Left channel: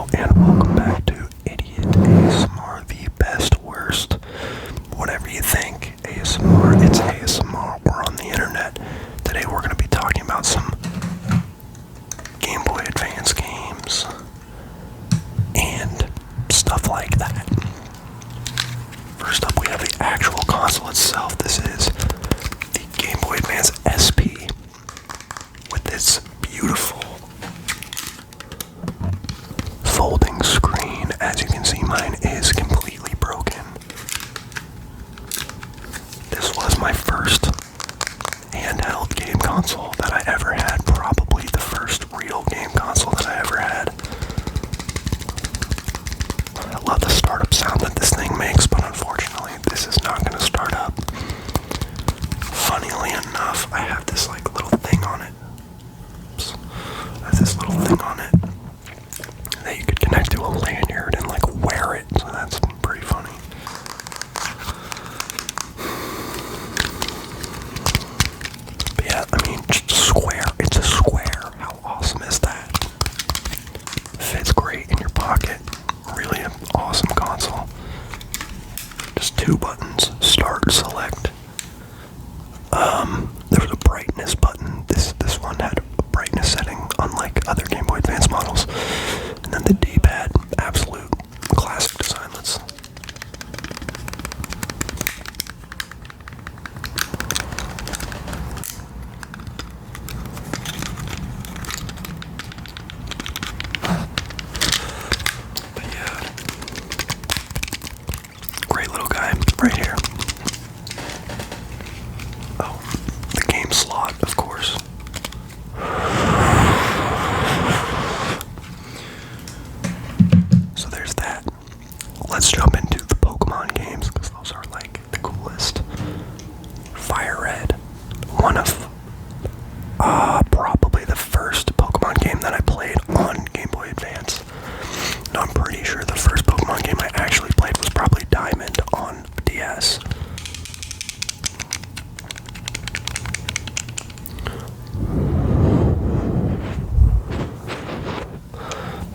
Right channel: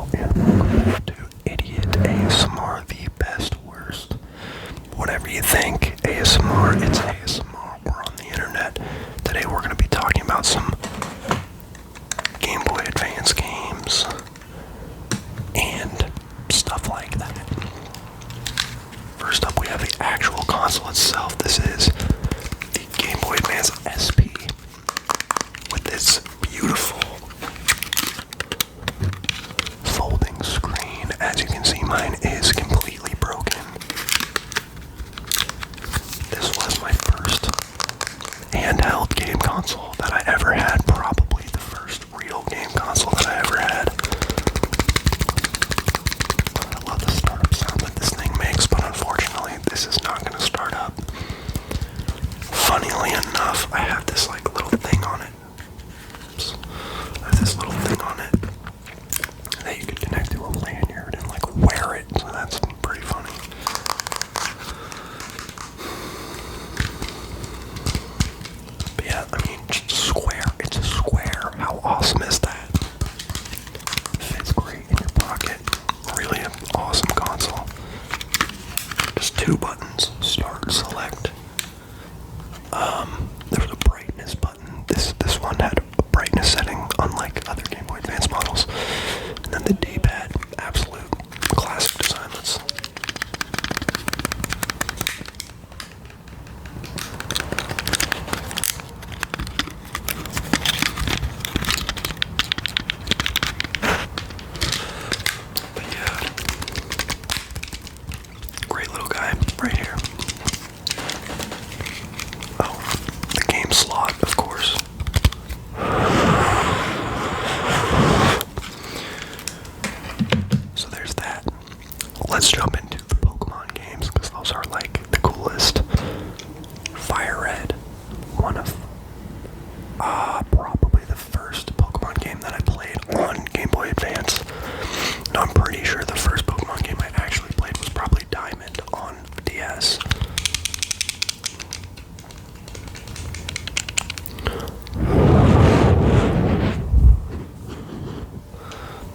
Hello and welcome back to Idiot ASMR, the best, worst, whatever you think. ASMR, it's ASMR, we're on the internet. Today we're going to be talking about some Game Boy Advance games and stuff like that. First up we have the actual console itself. This is the Game Boy Advance SP with this beautiful folding screen. As you can see, mine is completely broken. This was my first handheld game console that I ever had, probably the first real game console that I ever had. I love the startup sound that this thing makes, but unfortunately this is not going to start up. Funnily enough, I have this like little thing on it. Oops. I have this little thing on it that you could connect to a lanyard and like wear it, so that's pretty funny. But yeah, I mean, just a square. It's a square. How awesome is that? Fits great in your pocket. Really an awesome console. Just two buttons: start, select. There was a brightness button. This one had a brightness setting, unlike other Game Boy Advance models. And then the D-pad, absolute classic design. But yeah, great little guy right here. Oh, the game slot, of course. So there's that. Let's jump into the Pokemon games, because those are like the coolest. Fire Red, one of probably the first Pokemon game that I played on Game Boy Advance. And I'm pretty sure the first Pokemon game I actually played was probably Diamond on DS.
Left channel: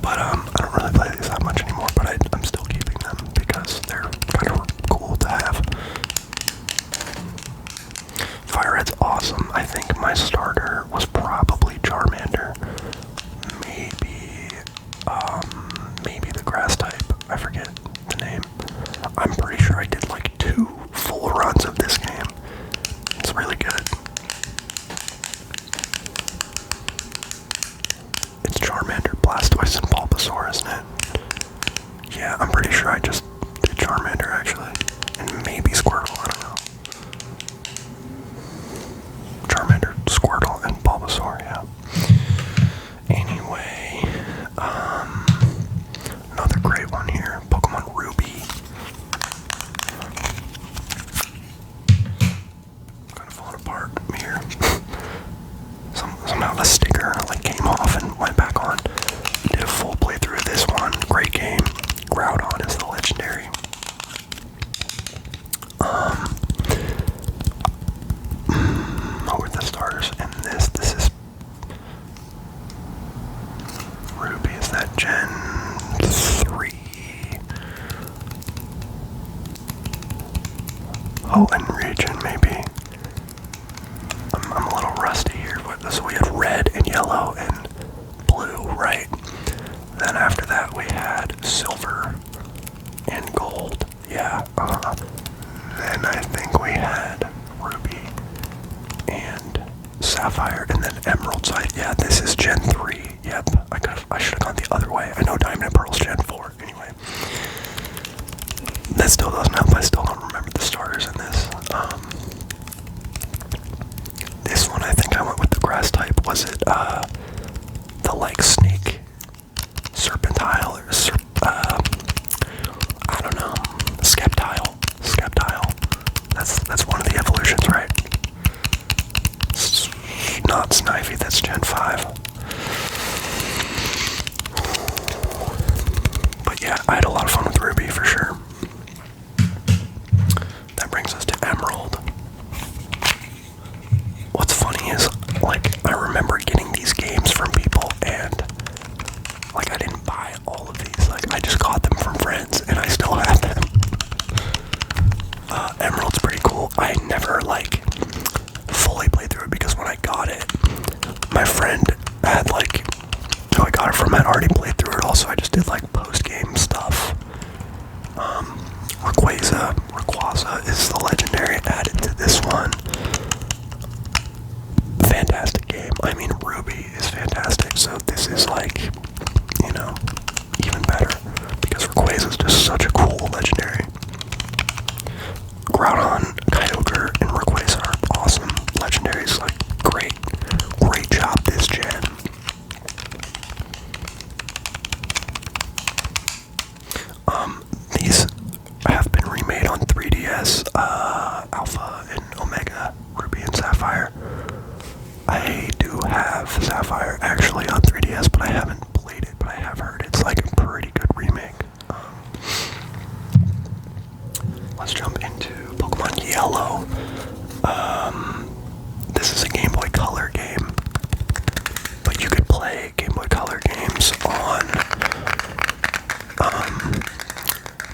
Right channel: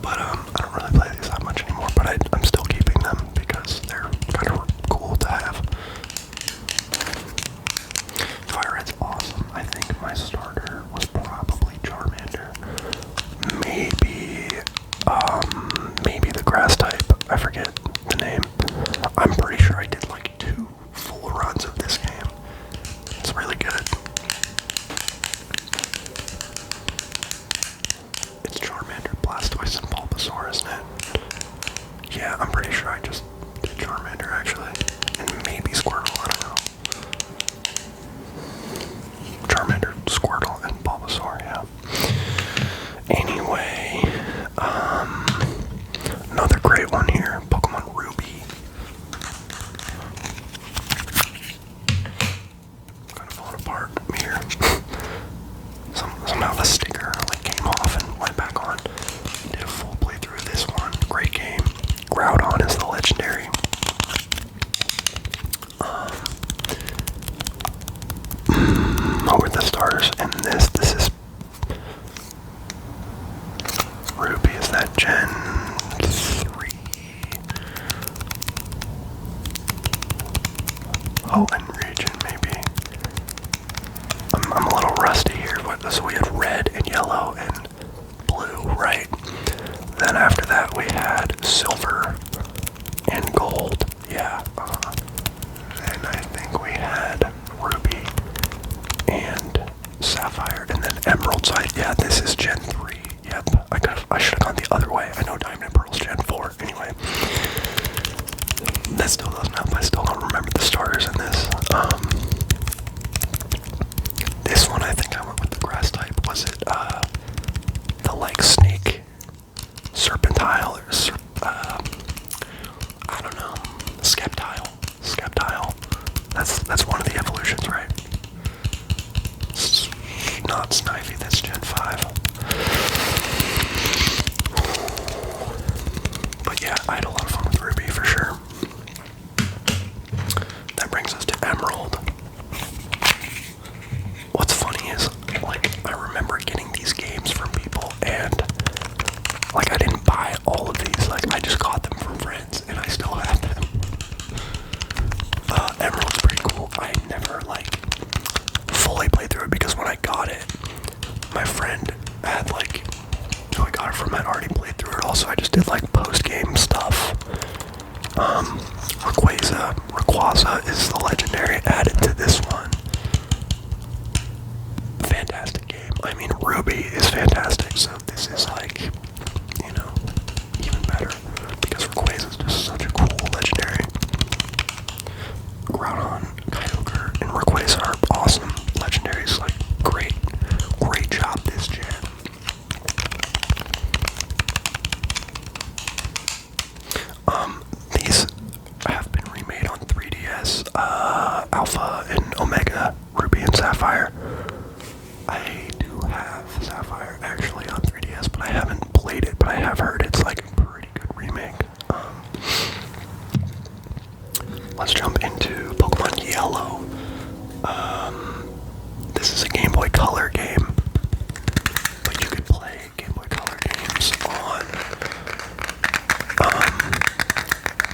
But I don't really play these that much anymore, but I'm still keeping them because they're kind of cool to have. Fire Red's awesome. I think my starter was probably Charmander. Maybe the grass type. I forget the name. I'm pretty sure I did like 2 full runs of this game. It's really good. It's Charmander, Blastoise, and Bulbasaur, isn't it? Yeah, I'm pretty sure I just did Charmander, actually. And maybe Squirtle, I don't know. Charmander, Squirtle, and Bulbasaur, yeah. Anyway, another great one here, Pokemon Ruby. Kind of falling apart here. Somehow the sticker like came off and went back on. Did a full playthrough of this one. Great game. Groudon is the legendary. What were the starters in this? This is Ruby. Is that Gen 3? Oh, and Region maybe. I'm a little rusty here, but so we had red and yellow and blue, right? Then after that we had silver and gold, yeah. Then I think we had ruby and sapphire, and then emerald. So yeah, this is Gen 3. Yep, I should have gone the other way. I know Diamond and Pearl's Gen 4. Anyway, that still doesn't help. I still don't remember the starters in this. This one, I think I went with the grass type. Was it the like snake serpentile or I don't know, Skeptile. That's one of the evolutions, right? Not Snivy, that's Gen 5. But yeah, I had a lot of fun with Ruby for sure. That brings us to Emerald. What's funny is, like, I remember getting these games from people and like I didn't buy all of I just got them from friends, and I still have them. Emerald's pretty cool. I never, like, fully played through it because when I got it, my friend had, like, who I got it from had already played through it. Also, I just did, like, post-game stuff. Rayquaza is the legendary added to this one. Fantastic game. I mean, Ruby is fantastic, so this is, like, you know, even better. Because Rayquaza is just such a cool legendary. Groudon, Kyogre, and Rayquaza are awesome legendaries. Like, great job this gen. These have been remade on 3DS, Alpha and Omega, Ruby and Sapphire. I do have Sapphire actually on 3DS, but I haven't played it, but I have heard it's like a pretty good remake. Let's jump into Pokemon Yellow. This is a Game Boy Color game, but you could play Game Boy Color games on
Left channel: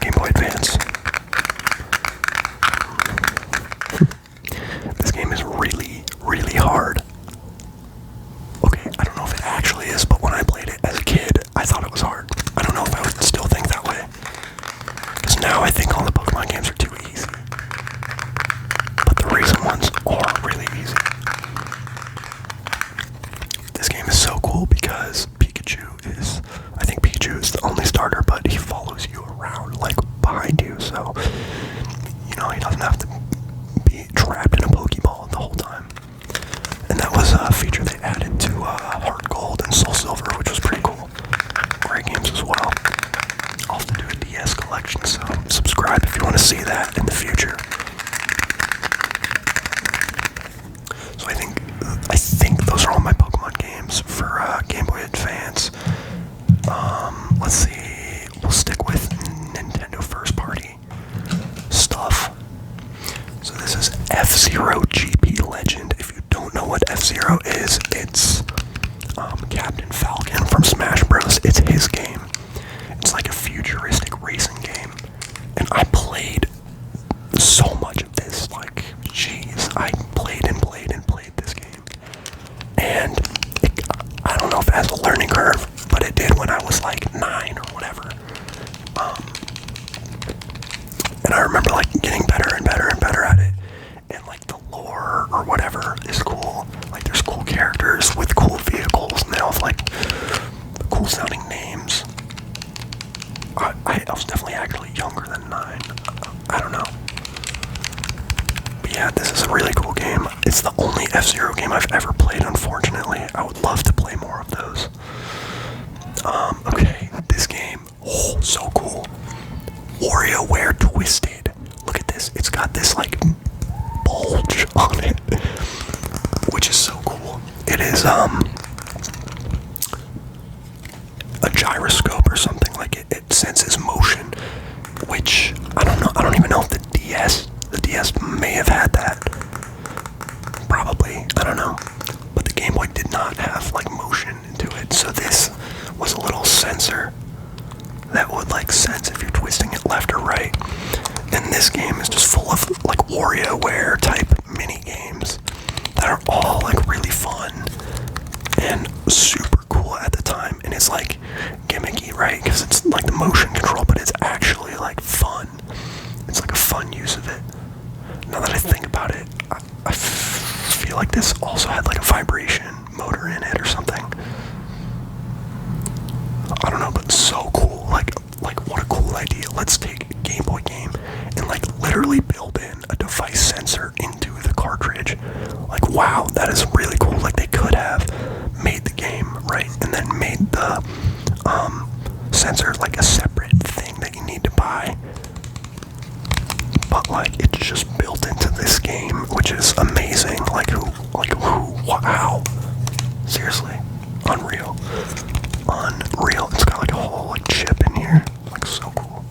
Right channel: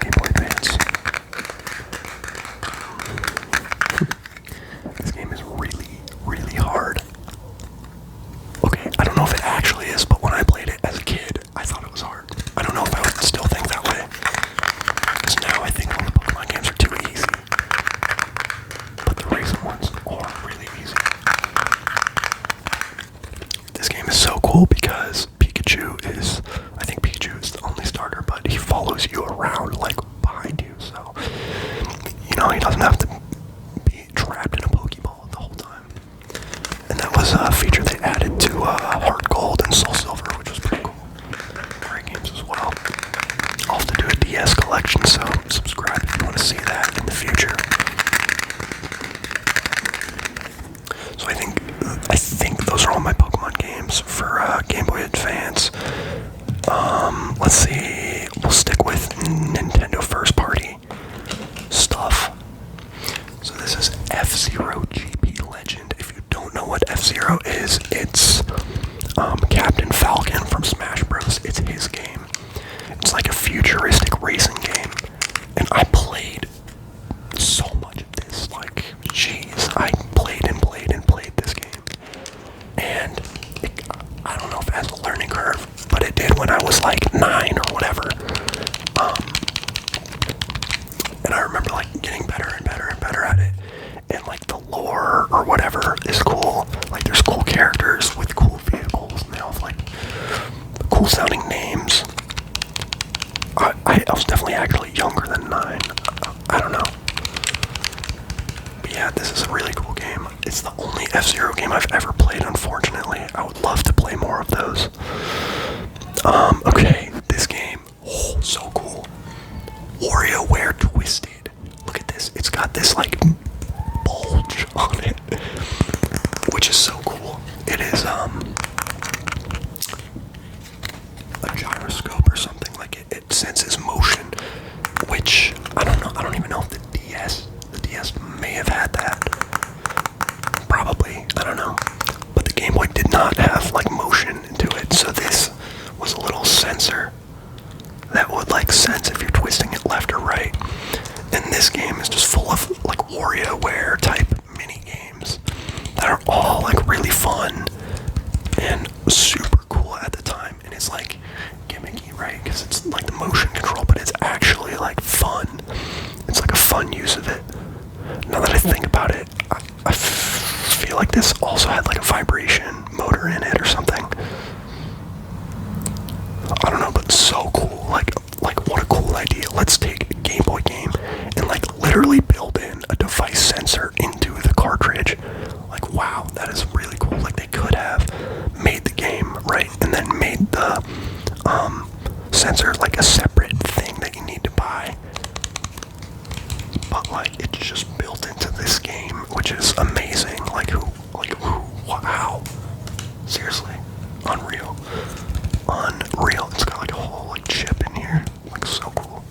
Game Boy Advance. This game is really, really hard. Okay, I don't know if it actually is, but when I played it as a kid, I thought it was hard. I don't know if I would still think that way. Because now I think all the Pokemon games are too easy. But the recent ones are really easy. This game is so cool because I think Pikachu is the only starter, but he follows you around, like, behind you, so, you know, he doesn't have to be trapped in a Pokeball the whole time. And that was a feature they added to Heart Gold and Soul Silver, which was pretty cool. Great games as well. I'll have to do a DS collection, so subscribe if you want to see that in the future. So I think those are all my Pokemon games for Game Boy Advance. Let's see, we'll stick with Nintendo first party stuff. So this is F-Zero GP Legend. If you don't know what F-Zero is, it's Captain Falcon from Smash Bros. It's his game. It's like a futuristic racing game. And I played so much of this, like, jeez, I played this game. And I don't know if it has a learning curve, but it did when I was like 9 or whatever. And I remember, like, getting better and better and better at it. And, like, the lore or whatever is cool. Like, there's cool characters with cool vehicles, and they all have, like, cool sounding names. I was definitely actually younger than 9. I don't know. But yeah, this is a really cool game. It's the only F-Zero game I've ever played, unfortunately. I would love to play more of those. Okay, this game, oh, so cool. WarioWare Twisted. Look at this. It's got this, like, bulge on it, which is so cool. It is, a gyroscope or something. Like, it senses motion, which, I don't even know if the DS may have had that. Probably, I don't know. But the Game Boy did not have, like, motion into it, so this was a little sensor that would, like, sense if you're twisting it left or right. And this game is just full of, like, WarioWare type mini games that are all, like, really fun and super cool at the time. And it's, like, gimmicky, right? Because it's like the motion control, but it's actually, like, fun. It's like a fun use of it. Now that I think about it, I feel like this also had, like, a vibration motor in it or something. I don't know, but so cool. Like what a cool idea. Let's take a Game Boy game and, like, literally build in a device sensor into the cartridge. Like, wow, that is really cool. Like, they could have made the game, right, and then made the sensor like a separate thing that you need to buy. But, like, it's just built into this game, which is amazing. Wow. Seriously. Unreal. It's got, like, a whole, like, chip in here. Like, so cool.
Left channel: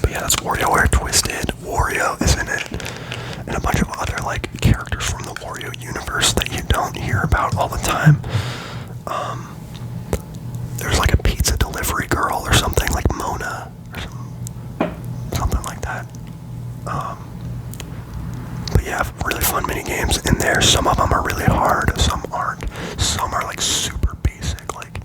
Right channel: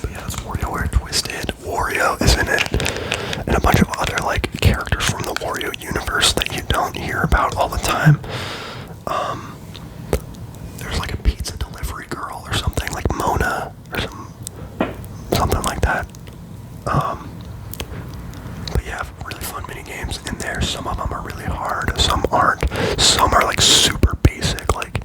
But yeah, that's WarioWare Twisted. Wario is in it. And a bunch of other, like, characters from the Wario universe that you don't hear about all the time. like super basic, like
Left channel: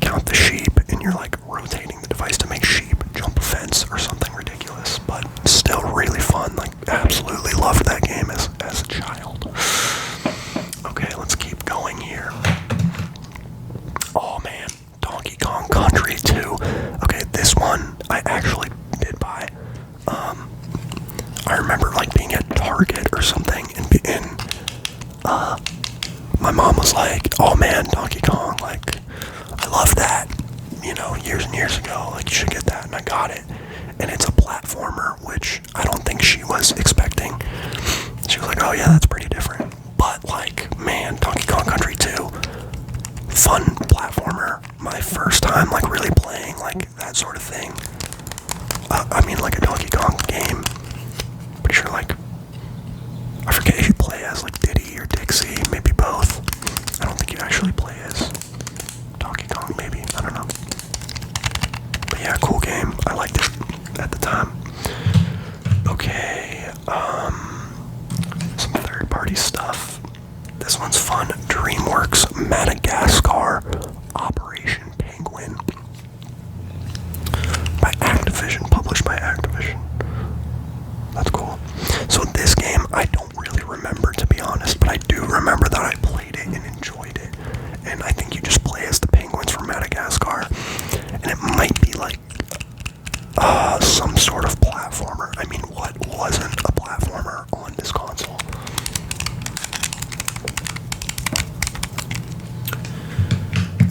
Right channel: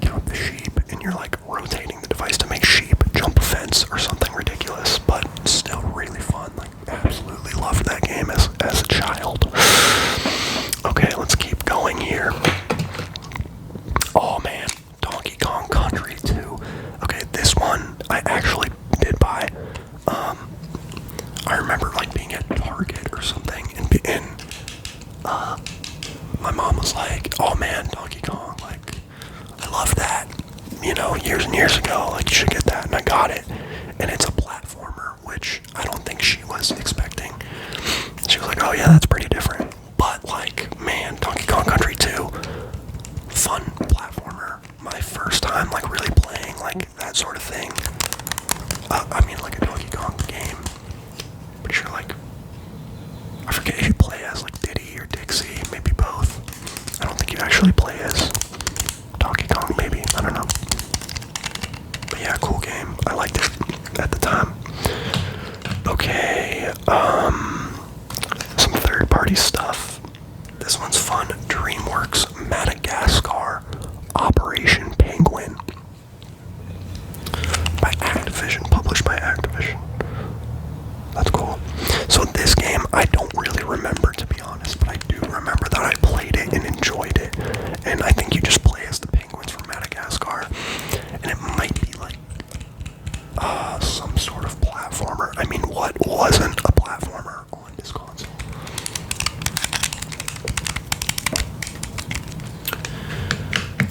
count the sheep, and you're like rotating the device to make sheep jump a fence or something ridiculous, but still really fun. Like, absolutely loved that game as a child. Okay, let's keep going here. Oh man, Donkey Kong Country 2. Okay, this one I actually did buy. I remember like being at Target or something, and my mom was like, "Oh man, Donkey Kong, like, I love that, you know, years and years ago, like, you should get that," and I got it, and it's a platformer, which I don't think she was expecting. She was like, "Oh yeah, that's pretty different," but like, man, Donkey Kong Country 2, fun platformer, my first time, like, really playing, like, that sort of thing. I mean, like, a Donkey Kong game, pretty sure, like, I forget if you play as, like, Diddy or Dixie, maybe both. I don't think you actually play as Donkey Kong, maybe, I don't know. But yeah, cool game, I liked it at the time. Okay, some third-party stuff. This one's fun. DreamWorks Madagascar Operation Penguin. By Activision, published by Activision. That's cool. So this game, I don't really remember, to be honest, but I do remember that I played it and enjoyed it. And I think you just play as the penguins from Madagascar. And it might be like some sort of platformer. I mean, what wasn't a platformer on this console?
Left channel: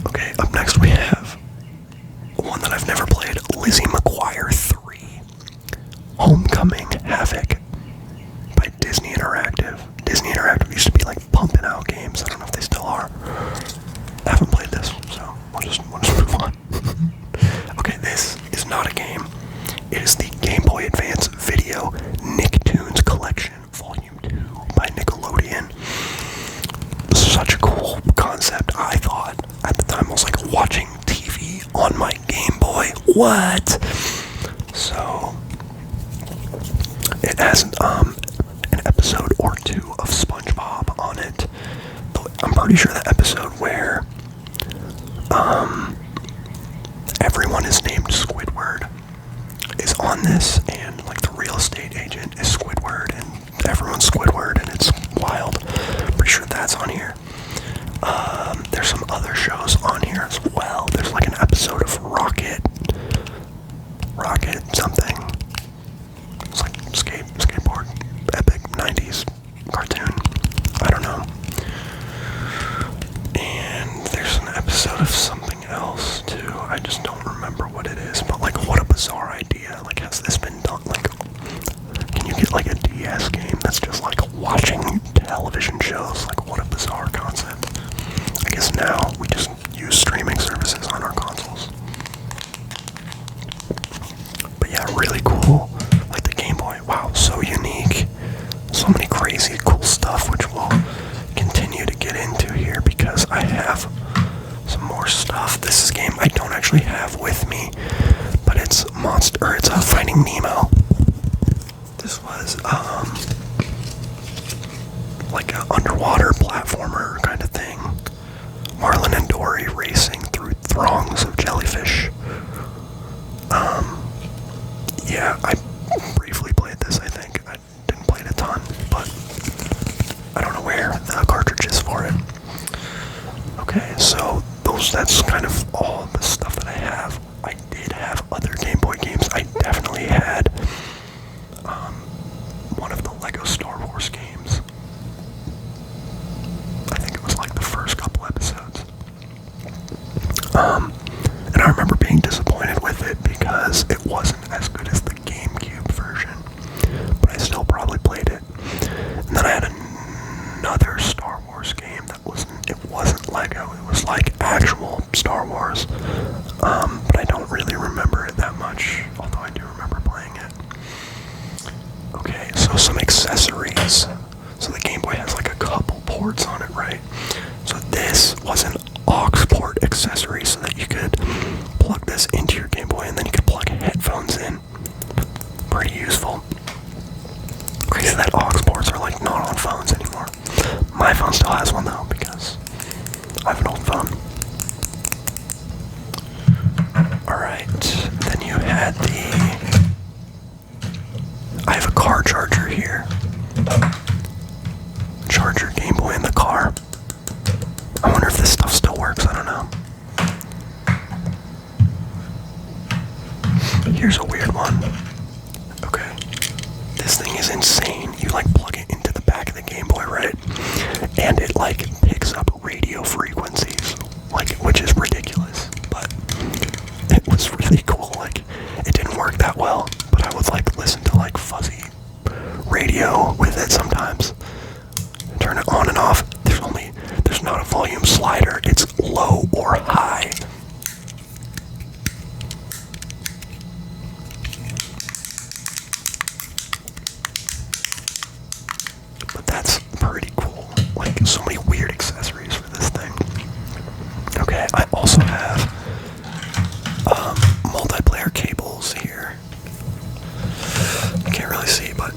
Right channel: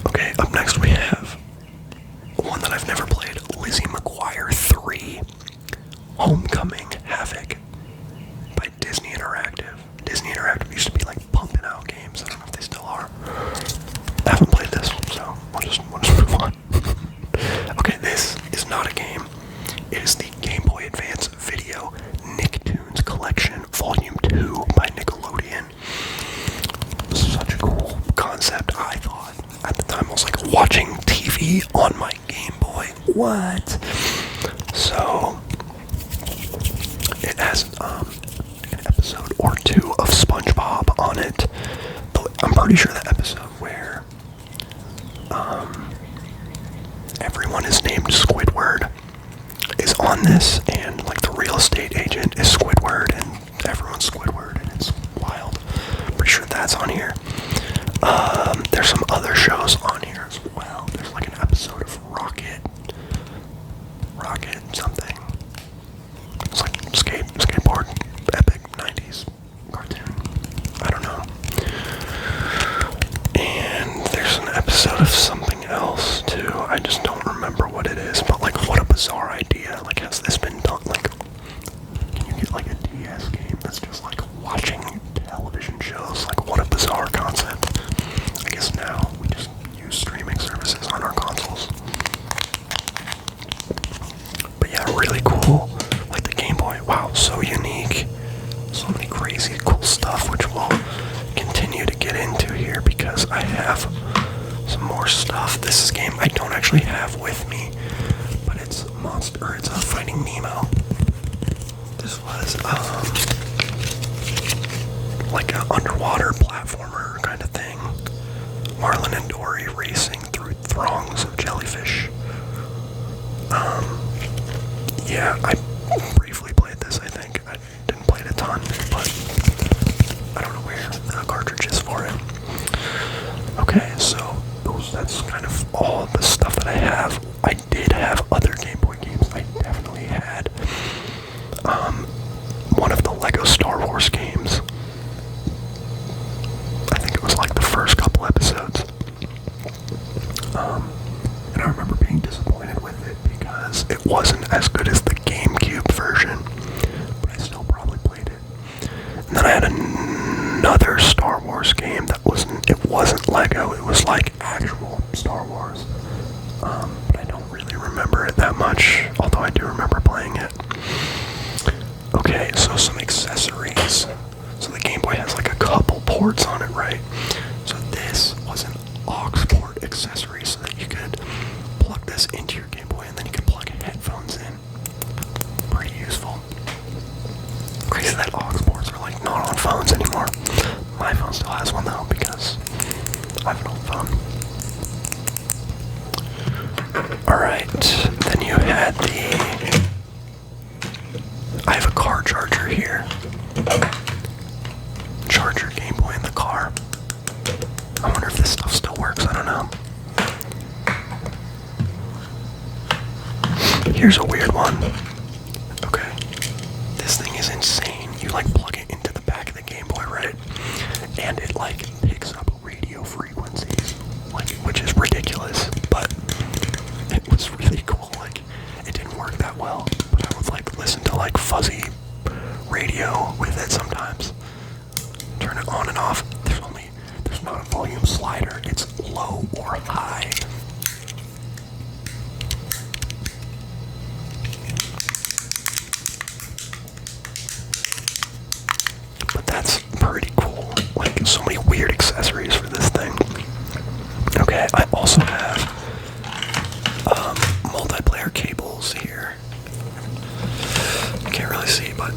Okay, up next we have one that I've never played, Lizzie McGuire 3. Homecoming Havoc by Disney Interactive. Disney Interactive used to be like pumping out games. I don't know if they still are. I haven't played this, so we'll just move on. Okay, this is not a game. It is the Game Boy Advance Video Nicktoons Collection Volume 2 by Nickelodeon. Such a cool concept, I thought. At the time, I was like, watching TV on my Game Boy. What? So it has an episode or two of SpongeBob on it. I'm pretty sure the episode where everyone is named Squidward is on this, and like the real estate agent is Squidward, and everyone's Squidward, and it's wild. Pretty sure that's on here. There's some other shows on here as well. There's like an episode of Rocket something. It's like skateboard, epic 90s cartoon. I don't know. And there's an episode of something else too. I just don't remember what it is. But like, what a bizarre idea. Like, has this been done? Like, can you get like a DS game that's just like watching television shows? Like, what a bizarre concept. I guess now we just use streaming services on our consoles. But yeah, really cool. Like the Game Boy, wow, so unique. So many crazy cool stuff, which we'll continue to get into here because I have some more stuff. This is a game I don't actually have with me, but it's Finding Nemo. This was like an underwater platformer kind of thing. Marlin and Dory racing through throngs of jellyfish. Yeah, I briefly played this, I think. I didn't play it a ton, but I don't know where the cartridge is for it. Okay, so that's kind of all the stuff that I have. I did have other Game Boy games. I definitely had one of the Lego Star Wars games. I think it was like the first couple episodes. And I remember being disappointed with it because it wasn't as good as the GameCube version, but I still probably played it. And then I had another Star Wars game that wasn't Lego, it was like actual Star Wars. But I don't really remember it that much, although I do remember playing it. Okay, so some accessories. So the Game Boy has like a couple ports on it, right? So this was an aux port accessory so that you could plug this into your Game Boy and then you could plug headphones in. Pretty useful. Crazy that aux ports are like not on phones anymore. My phone still has one though because I have an old phone. Alright, then you had I have a car charger here. Charger Game Boy in the car. I wonder if this stuff still works, I don't know. Here's a weird one. Okay. This thing is insane. You like plug it into the back of the Game Boy, right? And it like picks up radio frequencies, like, which is ridiculous, but it was really cool. Like, it didn't work that well, but I would like listen to like fuzzy radio with it sometimes. Turn it on and off. There's not a volume slider. It's low or high. But that's pretty cool. Like, so many weird accessories for this thing. Okay, I also have multiplayer cables here. You can't really see, but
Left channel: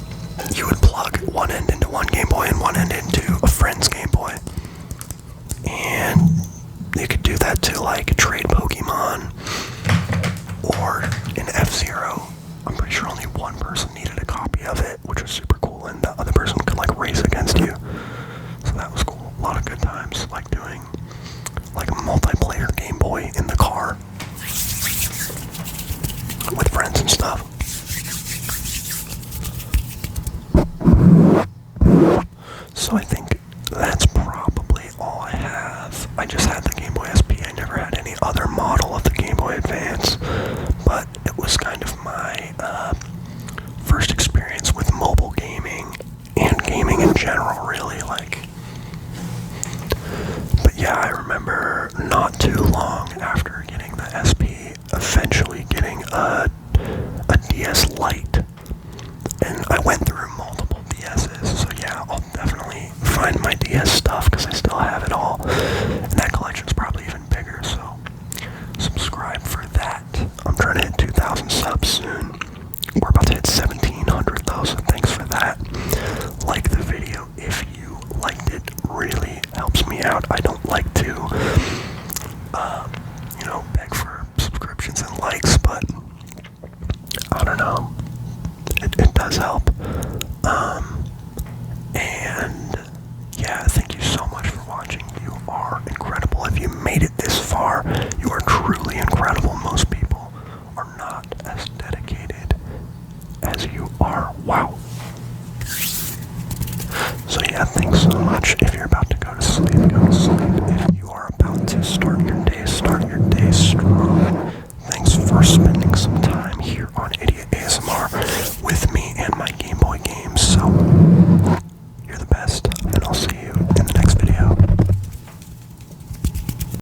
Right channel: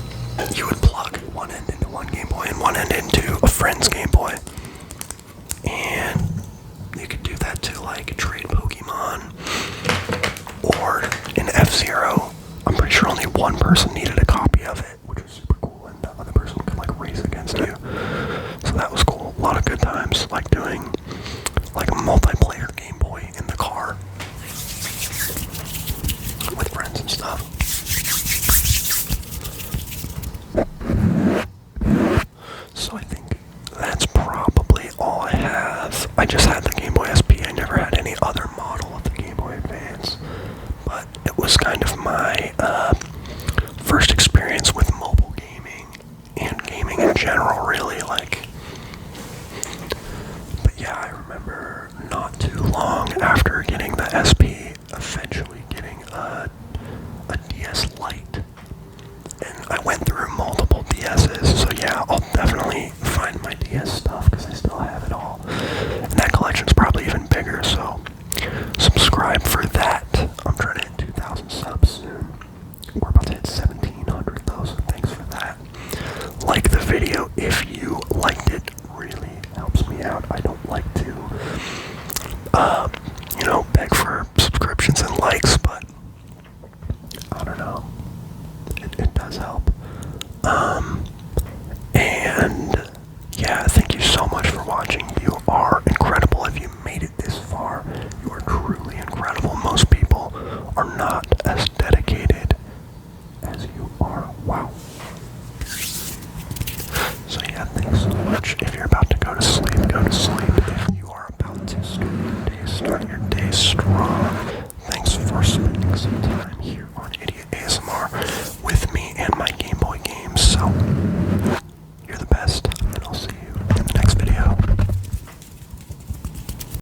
you would plug one end into one Game Boy and one end into a friend's Game Boy. And you could do that to like trade Pokemon or in fzero. I'm pretty sure only one person needed a copy of it, which was super cool, and the other person could like race against you. So that was cool. A lot of good times, like doing like a multiplayer Game Boy in the car with friends and stuff. So I think that's probably all I have. I just had the Game Boy SP. I never had any other model of the Game Boy Advance, but it was kind of my first experience with mobile gaming and gaming in general, really. Like, but yeah, I remember not too long after getting the SP, eventually getting a DS Lite, and I went through multiple DSs. So yeah, I'll definitely find my DS stuff because I still have it all, and that collection's probably even bigger. So subscribe for that. I'm trying to hit 2,000 subs soon. We're about to hit 1,700 though, so thanks for that. Like the video if you liked it. Really helps me out. I don't like to, beg for subscriptions and likes, but I don't know. It does help. And yeah, thank you so much for watching. You are incredible. If you made it this far, you are truly incredible. Most people are not as dedicated as you are. Wow. So yeah, thanks so much. If you're about to go to sleep, go to sleep.